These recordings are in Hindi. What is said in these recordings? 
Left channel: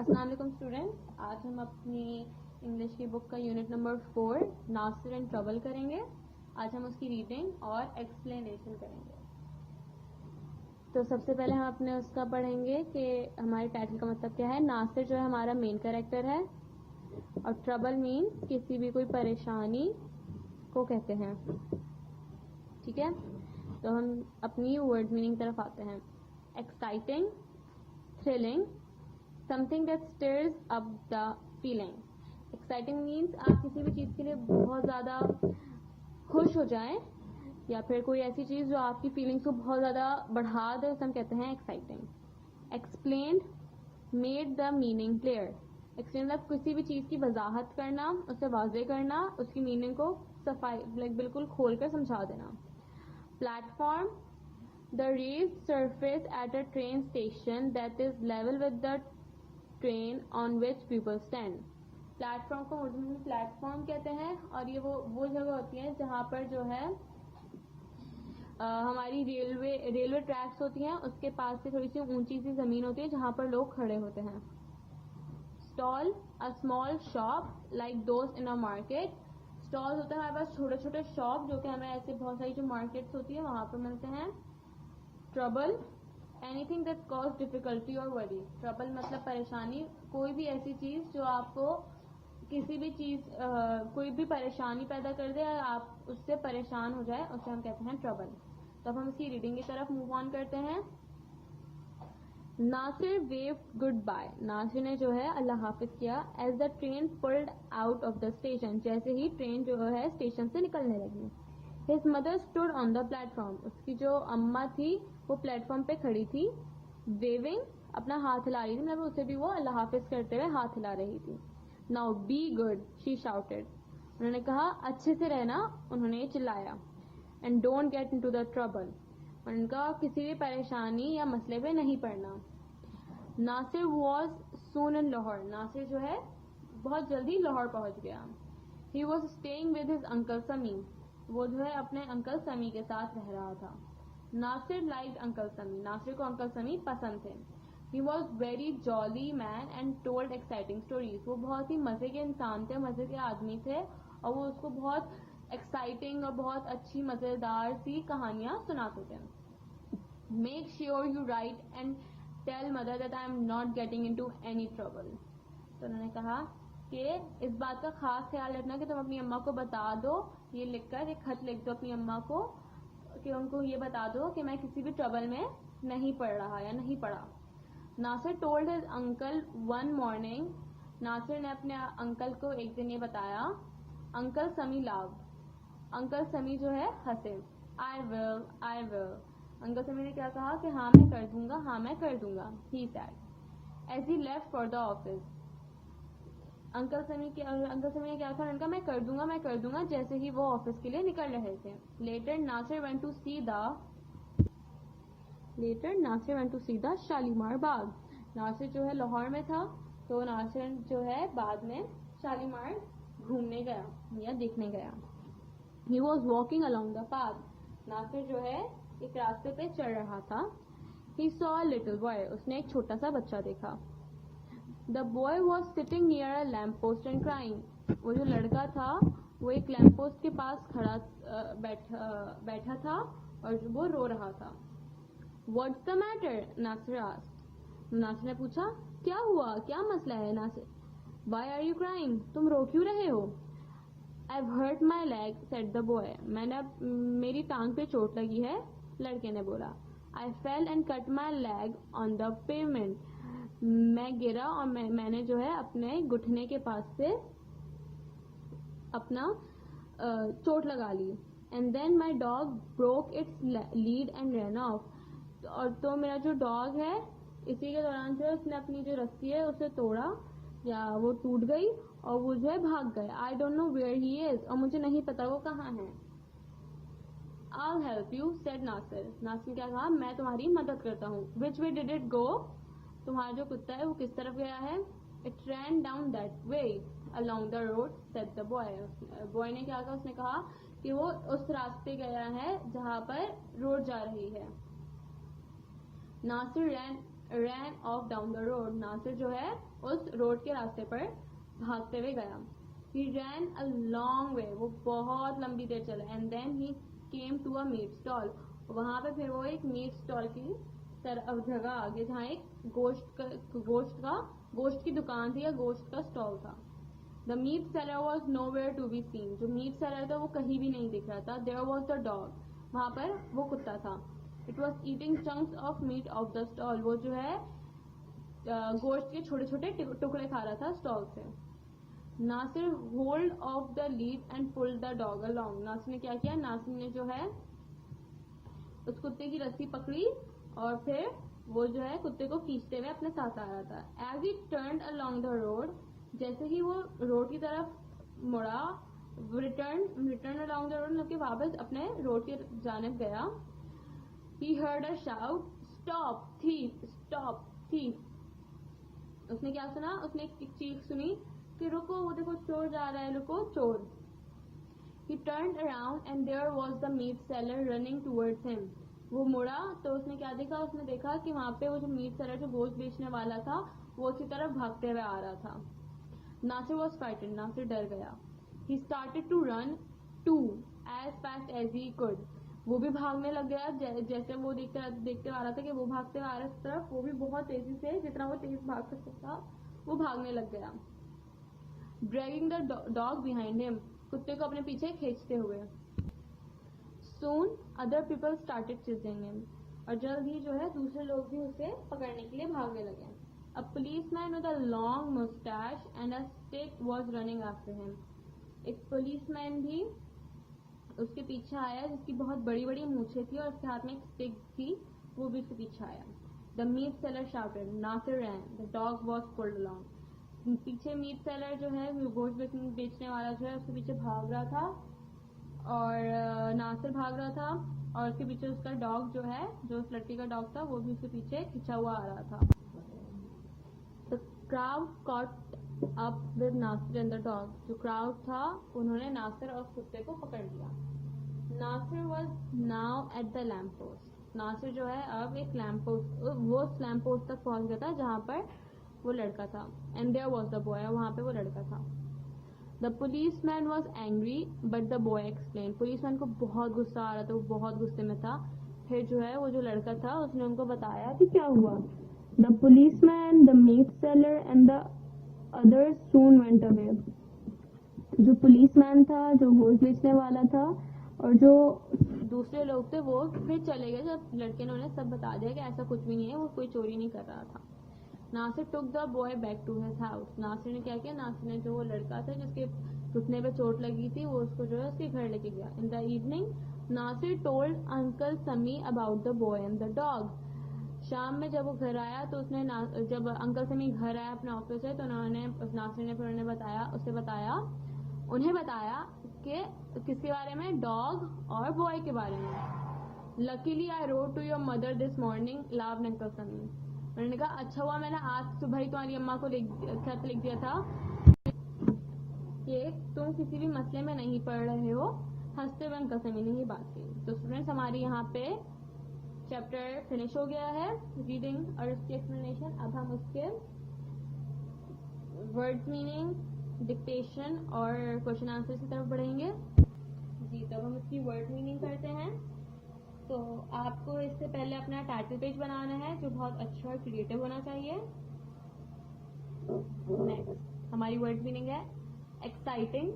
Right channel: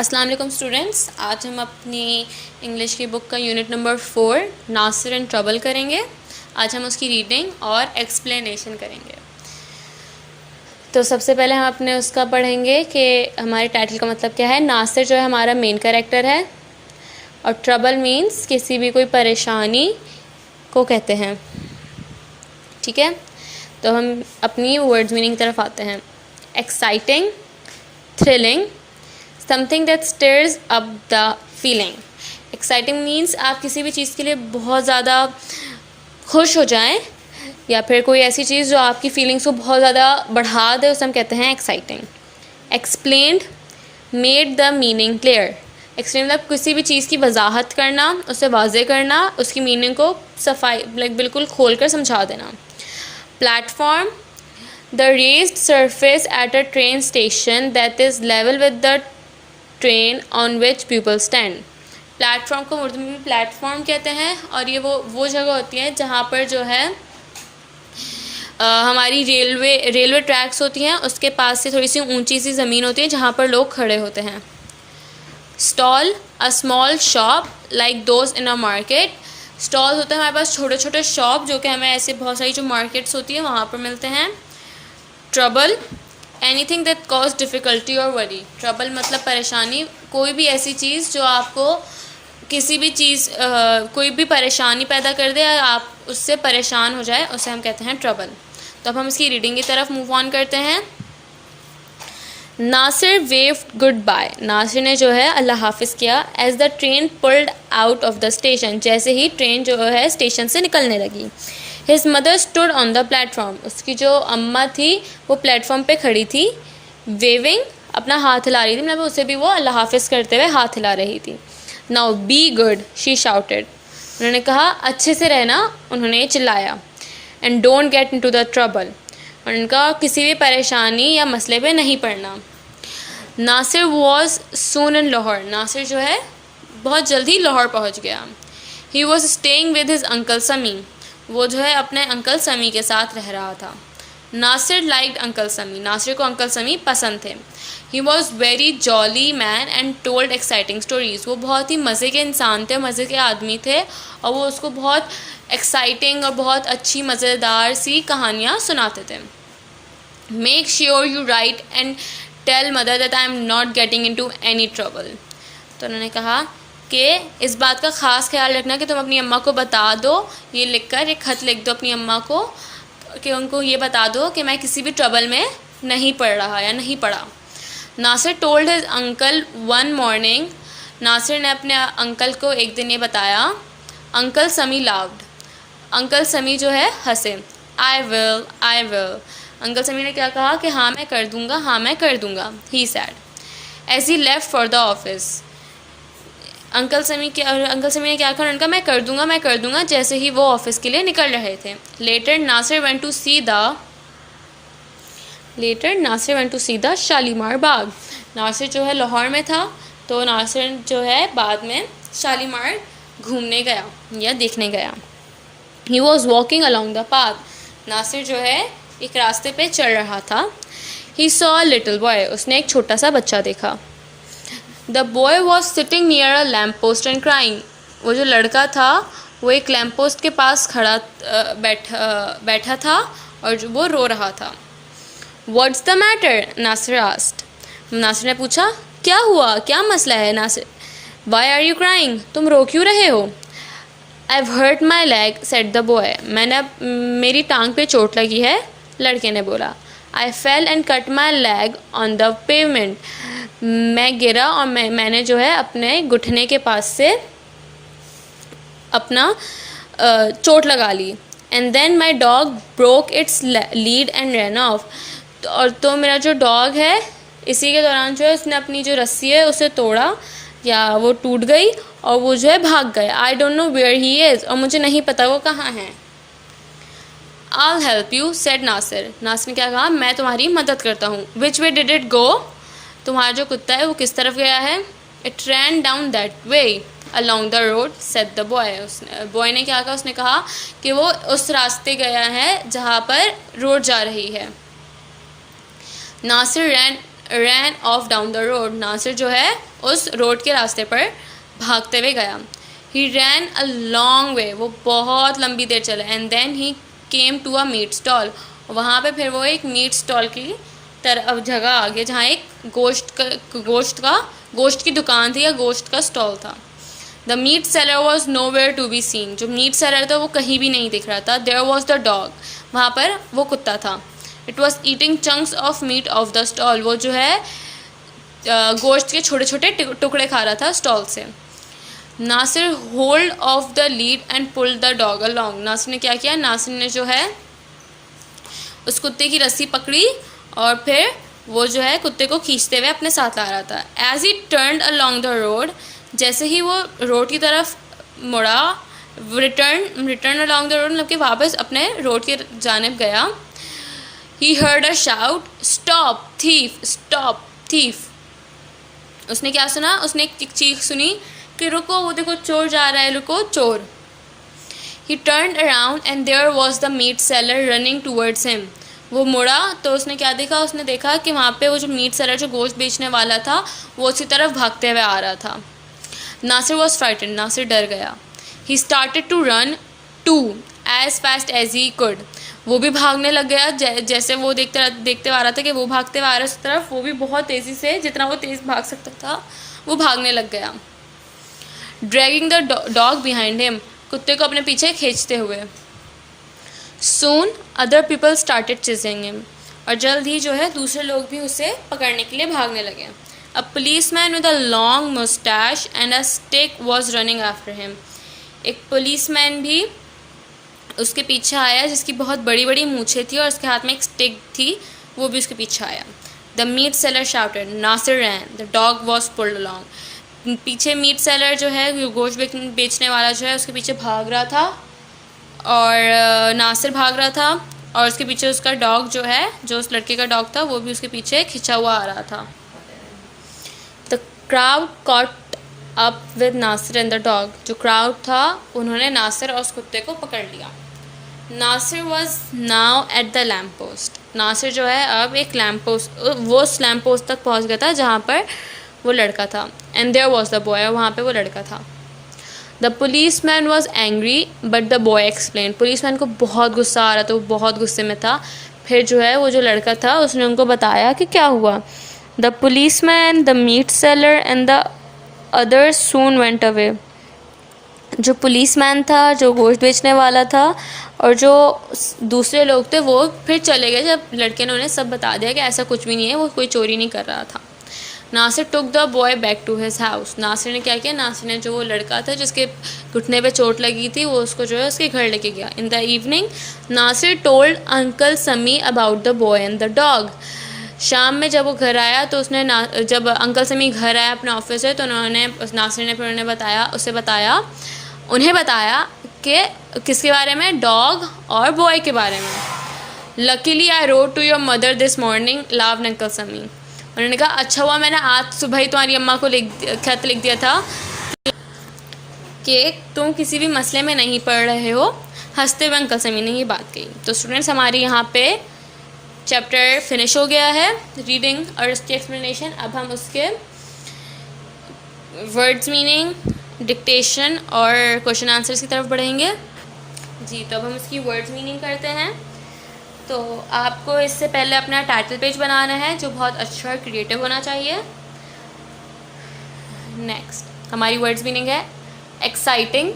अस्सलाम वालेकुम स्टूडेंट्स, आज हम अपनी इंग्लिश की बुक का unit number 4 Nasir and trouble करेंगे। आज हम उसकी रीडिंग और एक्सप्लेनेशन करेंगे। तो सबसे पहले हम अपने उसका पढ़ेंगे कि हमारे टाइटल का मतलब क्या है। नासिर जो है हमारा मेन कैरेक्टर है और ट्रबल मीन्स किसी भी कोई परेशानी को कहते हैं। ठीक है, तो हम अपनी वर्ड्स मीनिंग तरफ आते हैं। Exciting, thrilling, something that stirs up the feeling. Exciting means आप किसी भी चीज़ के लिए बहुत ज़्यादा खुश हो जाएं या फिर कोई ऐसी चीज़ जो आपकी फीलिंग्स को बहुत ज़्यादा बढ़ा दे, उसे हम कहते हैं exciting. Explained, made the meaning clear. Explain मतलब किसी भी चीज़ की वजाहत करना, उसे वाजे करना, उसकी मीनिंग को सफाई बिल्कुल खोल कर समझा देना। Platform, the raised surface at a train station that is level with the train on which people stand। Platform को उर्दू में भी प्लेटफॉर्म कहते हैं और ये वो जगह होती है जहाँ पर जो है हमारी रेलवे ट्रैक्स होती हैं, उसके पास से थोड़ी सी ऊंची सी ज़मीन होती है जहाँ पर लोग खड़े होते हैं। Stall, a small shop like those in a market. Stall होते हैं हमारे पास छोटे छोटे शॉप जो कि हमें ऐसे बहुत सारी जो मार्केट्स होती है वहाँ पर मिलते हैं। Trouble, anything that cause difficulty और वरी। ट्रबल मतलब परेशानी, कोई भी ऐसी चीज़ जो आपको किसी भी चीज़ कोई भी परेशानी पैदा कर दे या आप उससे परेशान हो जाए, उसे हम कहते हैं ट्रबल। तो अब हम इसकी रीडिंग की तरफ मूव ऑन करते हैं। Nasir waved goodbye. Nasir ने जो है अल्लाह हाफिज़ किया। As the train pulled out of the station, जैसे ही ट्रेन जो है स्टेशन से निकलने लगी। His mother stood on the platform, उसकी जो अम्मा थी वो प्लेटफॉर्म पे खड़ी थी। वेविंग, अपना हाथ हिला रही थी, मतलब उसे भी वो अल्लाह हाफिज़ करते हुए हाथ हिला रही थी। Now be good, she shouted, उन्होंने कहा अच्छे से रहना, उन्होंने चिल्लाया। And don't get into the trouble, उन्होंने कहा किसी भी परेशानी या मसले पे नहीं पड़ना। नासिर वॉज सून इन लाहौर, नासिर जो है बहुत जल्दी लाहौर पहुँच गया। He was staying with his uncle समी, वो जो है अपने अंकल समी के साथ रह रहा था। नासिर लाइक्ड अंकल समी, नासिर को अंकल समी पसंद थे। He was very jolly man and told exciting stories, वो बहुत ही मज़े के इंसान थे, मज़े के आदमी थे और वो उसको बहुत एक्साइटिंग और बहुत अच्छी मज़ेदार सी कहानियाँ सुनाते थे। Make sure you write and tell mother that I am not getting into any trouble, तो उन्होंने कहा कि इस बात का ख़ास ख्याल रखना कि तुम अपनी अम्मा को बता दो, ये लिखकर एक ख़त लिख दो अपनी अम्मा को कि उनको ये बता दो कि मैं किसी भी ट्रबल में नहीं पड़ रहा या नहीं पड़ा। Nasir told his uncle one morning, Nasir ने अपने अंकल को एक दिन ये बताया। अंकल समी लाव्ड, अंकल समी जो है हंसे। I will, I will, uncle Sami ने क्या कहा कि हाँ मैं कर दूँगा, हाँ मैं कर दूँगा। He said as he left for the office, uncle Sami ने क्या कहा, उनका मैं कर दूंगा जैसे ही वो ऑफिस के लिए निकल रहे थे। Later Nasir went to see the Shalimar Bagh, Nasir जो है लाहौर में था तो नासिर जो है बाद में शालीमार घूमने गया या देखने गया। He was walking along the path, Nasir जो है एक रास्ते पे चल रहा था। He saw a little boy, उसने एक छोटा सा बच्चा देखा। The boy was sitting near a lamp post and crying, वो जो लड़का था वो एक लैम्प पोस्ट के पास बैठा था और वो रो रहा था। What's the matter, Nasir asked, Nasir ने पूछा क्या हुआ, क्या मसला है। Nasir, why are you crying, तुम रो क्यों रहे हो। I have hurt my leg said the boy, मेरी टांग पे चोट लगी है, लड़के ने बोला। I fell and cut my leg on the pavement, मैं गिरा और मैंने जो है अपने घुटने के पास से अपना चोट लगा ली। And then my dog broke its lead and ran off, और तो मेरा जो डॉग है इसी के दौरान जो है उसने अपनी जो रस्सी है उसे तोड़ा या वो टूट गई और वो जो है भाग गया। I don't know where he is, और मुझे नहीं पता वो कहाँ है। I'll help you said Nasir, Nasir ने क्या कहा, मैं तुम्हारी मदद करता हूँ। Which way did it go, तुम्हारा जो कुत्ता है वो किस तरफ गया है। It ran down that way along the road said the boy, boy ने क्या कहा, उसने कहा कि वो उस रास्ते गया है जहाँ पर रोड जा रही है। Nasir ran off down the road, Nasir जो है उस रोड के रास्ते पर भागते हुए गया। ही रैन अ लॉन्ग वे, वो बहुत लंबी देर चला। And then he came to a meat stall, वहाँ पे फिर वो एक मीट स्टॉल की तरफ जगह आ गया जहाँ एक गोश्त की दुकान थी या गोश्त का स्टॉल था। The meat seller was nowhere to be seen, जो मीट सेलर था वो कहीं भी नहीं दिख रहा था। देयर वॉज द डॉग, वहाँ पर वो कुत्ता था। It was eating chunks of meat of the stall, वो जो है गोश्त के छोटे छोटे टुकड़े खा रहा था स्टॉल से। Nasir hold of the lead and pulled the dog along, Nasir ने क्या किया, नासिर ने जो है उस कुत्ते की रस्सी पकड़ी और फिर वो जो है कुत्ते को खींचते हुए अपने साथ ला रहा था। As he turned along the road, जैसे ही वो रोड की तरफ मुड़ा, रिटर्न अलॉन्ग द रोड मतलब कि वापस अपने रोड की जानिब गया। He heard a shout, stop thief, stop thief. उसने क्या सुना, उसने एक चीख सुनी कि रुको, वो देखो चोर जा रहा है, रुको चोर। He turn around and there was the meat seller running towards him, वो मुड़ा तो उसने क्या देखा, उसने देखा कि वहाँ पे वो जो मीट सेलर जो गोश्त बेचने वाला था वो उसी तरफ भागते हुए आ रहा था। नासिर वॉज फ्राइटेंड, नासिर डर गया। He started to run to as fast as he could, वो भी भागने लग गया जैसे वो देखते आ रहा था कि वो भागते हुए आ रहा है उस तरफ, वो भी बहुत तेज़ी से, जितना वो तेज़ भाग सकता था वो भागने लग गया। Dragging the dog behind him, कुत्ते को अपने पीछे खींचते हुए। Soon other people started chasing him, और जल्द ही जो है दूसरे लोग भी उसे पकड़ने के लिए भागने लगे। अ police man with a long Moustache and a stick was running after him, एक पुलिस मैन भी उसके पीछे आया जिसकी बहुत बड़ी बड़ी मूछें थी और उसके हाथ में एक स्टिक थी, वो भी उसके पीछे आया। The meat seller shouted, Nasir ran, the dog was pulled along, पीछे मीट सेलर जो है गोश्त बेचने वाला जो है उसके पीछे भाग रहा था और नासिर भाग रहा था और उसके पीछे उसका डॉग जो है, जो उस लड़के का डॉग था, वो भी उसके पीछे खिंचा हुआ आ रहा था। The crowd caught up with Nasir and the dog, जो क्राउड था उन्होंने नासिर और उस कुत्ते को पकड़ लिया। Nasir was now at the lamp post, Nasir जो है अब एक लैम्प पोस्ट, वो उस लैम्प पोस्ट तक पहुंच गया था जहाँ पर वो लड़का था। And there was the boy, वहाँ पे वो लड़का था। The police man was angry but the boy explain, police man को बहुत गुस्सा आ रहा था, वो बहुत गुस्से में था। फिर जो है वो जो लड़का था उसने उनको बताया कि क्या हुआ। The police man, the meat seller and the others soon went away, जो पुलिस मैन था, जो गोश्त बेचने वाला था और जो दूसरे लोग थे वो फिर चले गए जब लड़के ने उन्हें सब बता दिया कि ऐसा कुछ भी नहीं है, वो कोई चोरी नहीं कर रहा था। Nasir took the boy back to his house, Nasir ने क्या किया, नासिर ने जो वो लड़का था जिसके घुटने पे चोट लगी थी वो उसको जो है उसके घर लेके गया। In the evening Nasir told uncle Sami about the boy and the dog, शाम में जब वो घर आया तो उसने जब अंकल समी घर आया अपने ऑफिस से तो नासिर ने फिर उन्हें बताया कि किसके बारे में, डॉग और बॉय के बारे में। Luckily I rode to your mother this morning, laughed uncle Sami, उन्होंने कहा अच्छा हुआ मैंने आज सुबह ही तुम्हारी अम्मा को खत लिख दिया था कि तुम किसी भी मसले में नहीं पड़ रहे हो। हंसते हुए अंकल समी ने ये बात कही। तो स्टूडेंट्स हमारी यहाँ पे चैप्टर फिनिश हो गया है, रीडिंग और उसकी एक्सप्लेनेशन। अब हम उसके वर्ड्स मीनिंग, डिक्टेशन और क्वेश्चन आंसर्स की तरफ बढ़ेंगे। जी, तो अब हम इसकी वर्ड्स मीनिंग करते हैं। तो आपको इससे पहले अपना टाइटल पेज बनाना है जो बहुत अच्छा और क्रिएटिव होना चाहिए। नेक्स्ट हमारी वर्ड्स मीनिंग है एक्साइटिंग,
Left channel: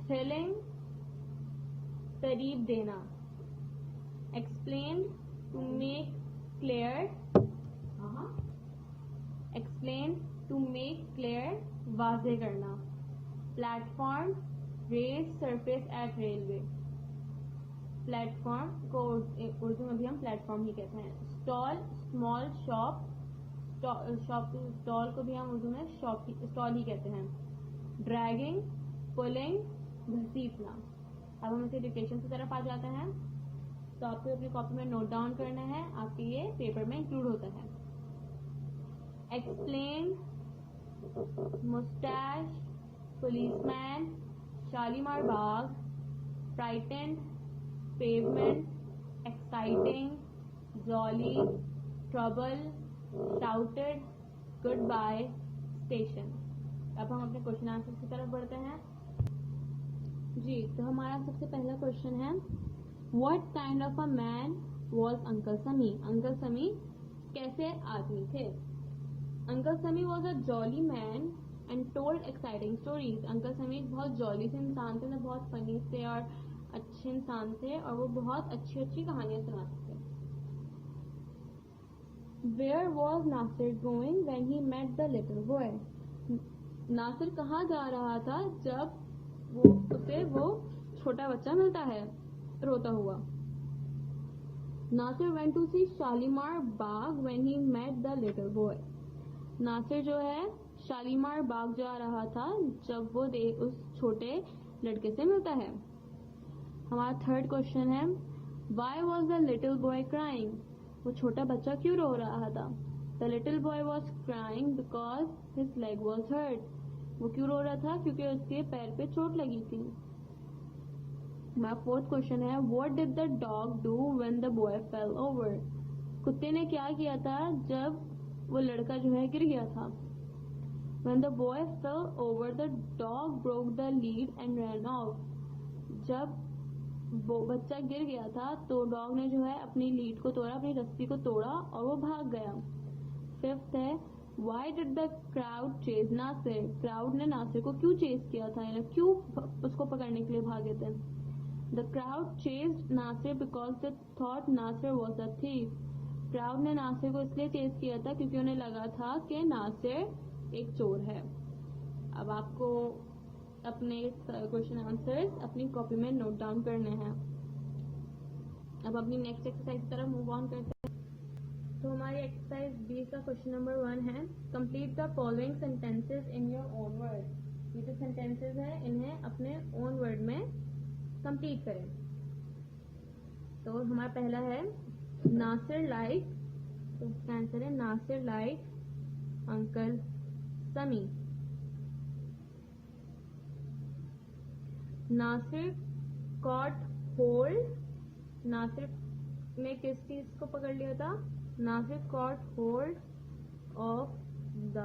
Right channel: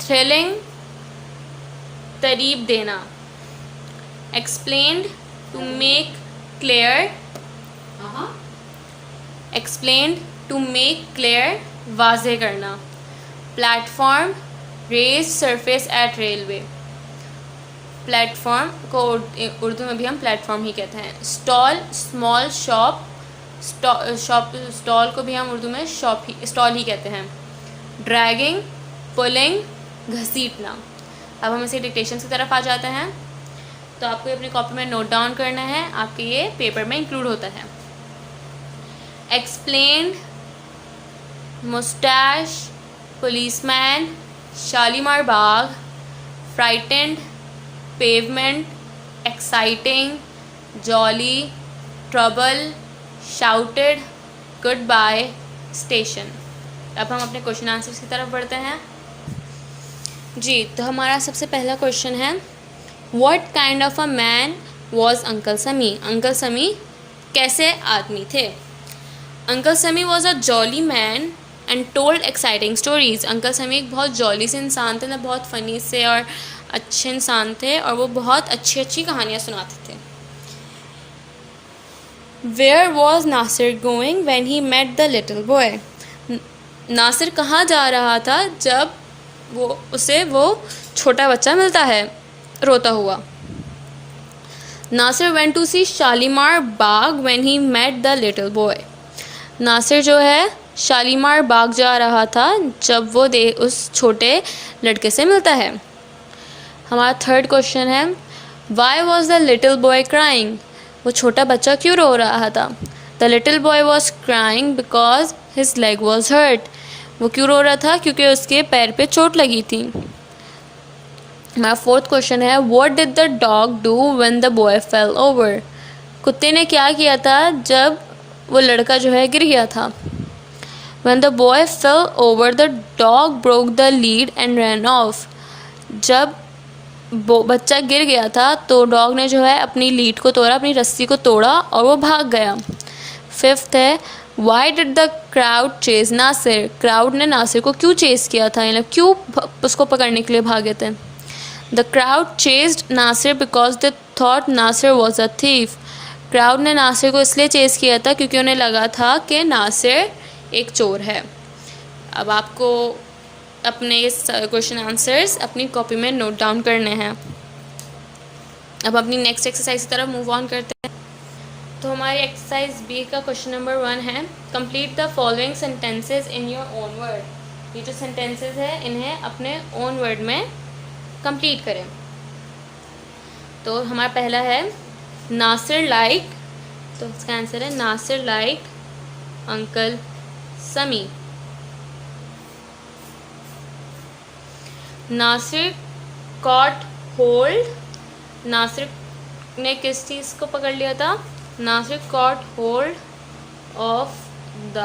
थ्रिलिंग, तारीफ देना, explained, to make clear, explained, to make clear, वाज़ेह करना, platform, raised surface at railway, platform को उर्दू में भी हम प्लेटफॉर्म ही कहते हैं। स्टॉल, स्मॉल शॉप, स्टॉल को भी हम उर्दू में स्टॉल ही कहते हैं। ड्रैगिंग, पुलिंग, घसीटना। अब हम इसे डिक्टेशन की तरफ आ जाते हैं। तो आपको अपनी कॉपी में नोट डाउन करना है, आपके ये पेपर में इंक्लूड होता है। Explain, moustache, policeman, Shalimar Bagh, frightened, pavement, exciting, jolly, trouble, shouted, goodbye, station. अब हम अपने क्वेश्चन आंसर्स की तरफ बढ़ते हैं। जी, तो हमारा सबसे पहला क्वेश्चन है, what kind of a man was uncle समी? अंकल समी कैसे आदमी थे? Uncle Sami was a jolly man and told exciting stories. Uncle समी एक बहुत जॉली से इंसान थे ना, बहुत फ़नी से और अच्छे इंसान थे, और वो बहुत अच्छी अच्छी कहानियाँ सुनाते थे। Where was Nasir going when he met the little boy? Nasir कहाँ जा रहा था जब वो छोटा बच्चा मिलता है रोता हुआ? Nasir went to see Shalimar Bagh when he met the little boy. Nasir जो है शालीमार बाग जा रहा था जब वो उस छोटे लड़के से मिलता है। हमारा थर्ड क्वेश्चन है, why was the little boy crying? वो छोटा बच्चा क्यों रो रहा था? The little boy was crying because his leg was hurt. वो क्यों रो रहा था? क्योंकि उसके पैर पे चोट लगी थी। हमारा फोर्थ क्वेश्चन है, what did the dog do when the boy fail over? कुत्ते ने क्या किया था जब वो लड़का जो है गिर गया था? When the boy fell over, the dog broke the lead and ran off. जब बच्चा गिर गया था तो डॉग ने जो है अपनी लीड को तोड़ा, अपनी रस्सी को तोड़ा और वो भाग गया। फिफ्थ है, why did the crowd chase Nasir? Crowd ने नासिर को क्यों चेस किया था, मतलब क्यों उसको पकड़ने के लिए भागे थे? The crowd chased Nasir because they thought Nasir was a thief. Crowd ने नासिर को इसलिए चेस किया था क्योंकि उन्हें लगा था कि नासिर एक चोर है। अब आपको अपने क्वेश्चन आंसर्स अपनी कॉपी में नोट डाउन करने हैं। अब अपनी नेक्स्ट एक्सरसाइज की तरफ मूव ऑन करते हैं। तो हमारी एक्सरसाइज बी का क्वेश्चन नंबर 1 है, complete the following sentences in your own word. ये जो सेंटेंसेस है इन्हें अपने ओन वर्ड में कंप्लीट करें। तो हमारा पहला है, नासिर लाइक, तो इसका आंसर है नासिर लाइक अंकल समी। नासिर कॉट होल्ड, नासिर ने किस चीज़ को पकड़ लिया था? Nasir caught hold of the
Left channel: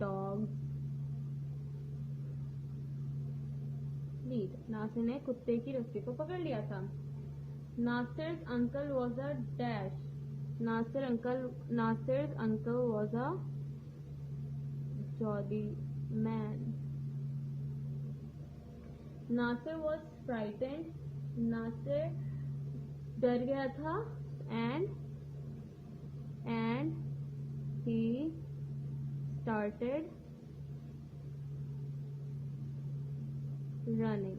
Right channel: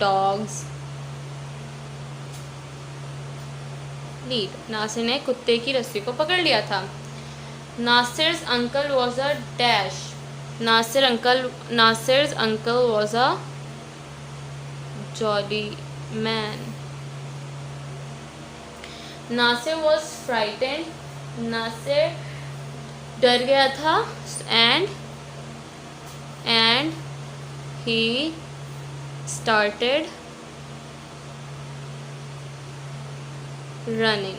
dog's lead. Nasir ने कुत्ते की रस्सी को पकड़ लिया था। Nasir's uncle was a dash, Nasir's uncle was a jolly man. Nasir was frightened, Nasir डर गया था, and he started running.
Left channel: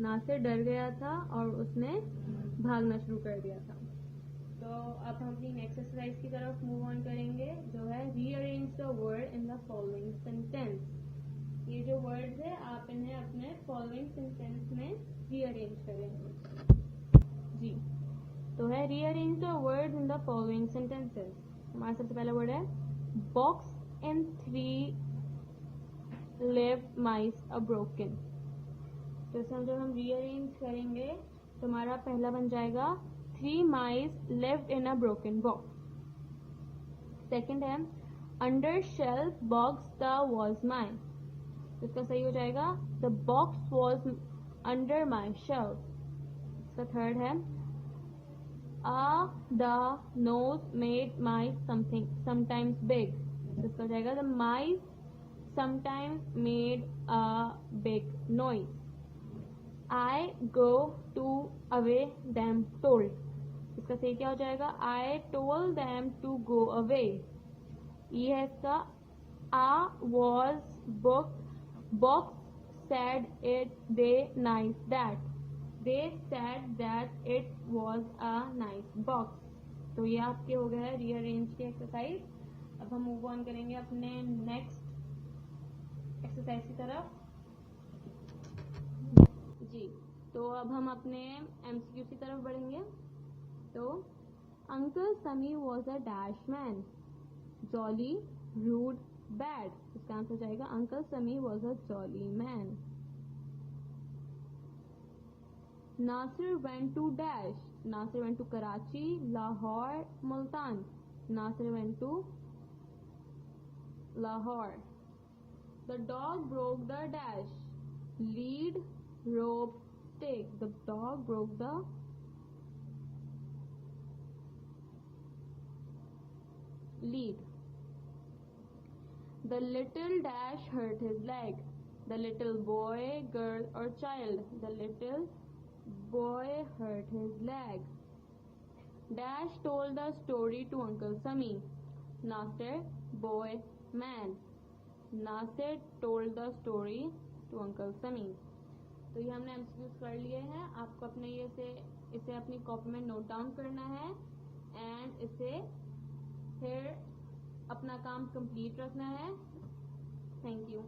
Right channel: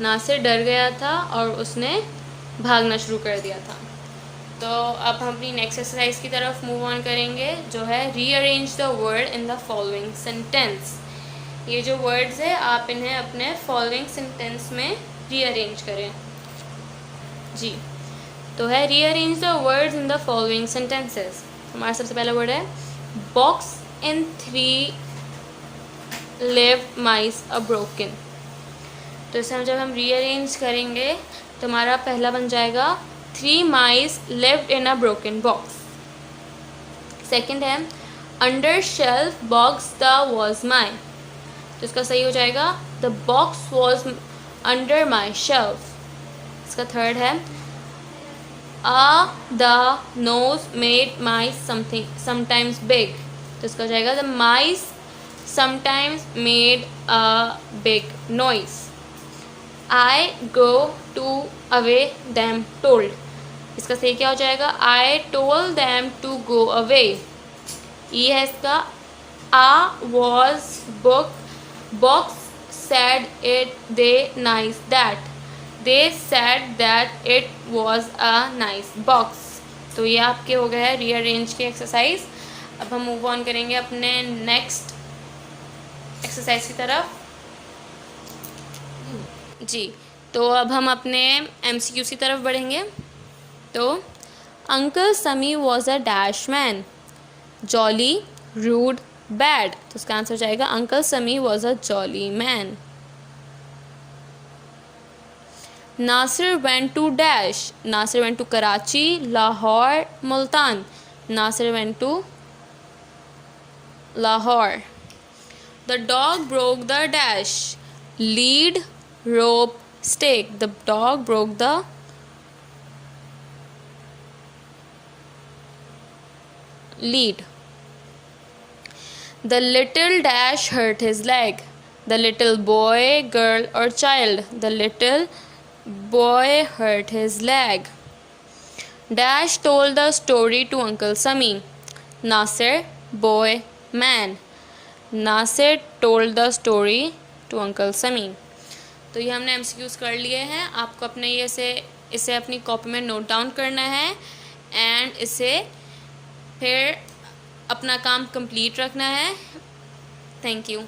Nasir डर गया था और उसने भागना शुरू कर दिया था। तो अब हम अपनी नेक्स्ट एक्सरसाइज की तरफ मूव ऑन करेंगे, जो है rearrange the word in the following sentence. ये जो वर्ड्स है आप इन्हें अपने फॉलोइंग सेंटेंस में रीअरेंज करें। जी, तो है rearrange the words in the following sentences. हमारा सबसे पहला वर्ड है, box in 3 lived mice a broken. तो इसे जब हम रीअरेंज करेंगे तो हमारा पहला बन जाएगा, 3 mice lived in a broken box. Second है, under shelf box the was my. तो इसका सही हो जाएगा, the box was under my shelf. इसका थर्ड है, the noise made mice sometimes big. तो इसका हो जाएगा, the mice sometimes made a big noise. I go to away them told। इसका सही क्या हो जाएगा, I told them to go away। ये है इसका, a was box said they nice that, they said that it was a nice box। तो ये आपके हो गए हैं रीअरेंज के एक्सरसाइज। अब हम मूव ऑन करेंगे अपने नेक्स्ट एक्सरसाइज की तरफ। जी, तो अब हम अपने MCQ की तरफ बढ़ेंगे। तो uncle Sami was a dash man, jolly, rude, bad. तो उसका आंसर हो जाएगा, uncle Sami was a jolly man. Nasir went to dash, Nasir went to Karachi, Lahore, Multan. Nasir went to Lahore. The dog broke the dash. Lead, rope, stake. The dog broke the lead. The little dash hurt his leg. The little boy, girl, or child. The little boy hurt his leg. Dash told the story to Uncle Sami. Nasir, boy, man. Nasir told the story to Uncle Sami. तो ये हमने MCQs कर लिए हैं. आपको अपने ये इसे अपनी कॉपी में नोट डाउन करना है एंड इसे फिर अपना काम कंप्लीट रखना है. Thank you.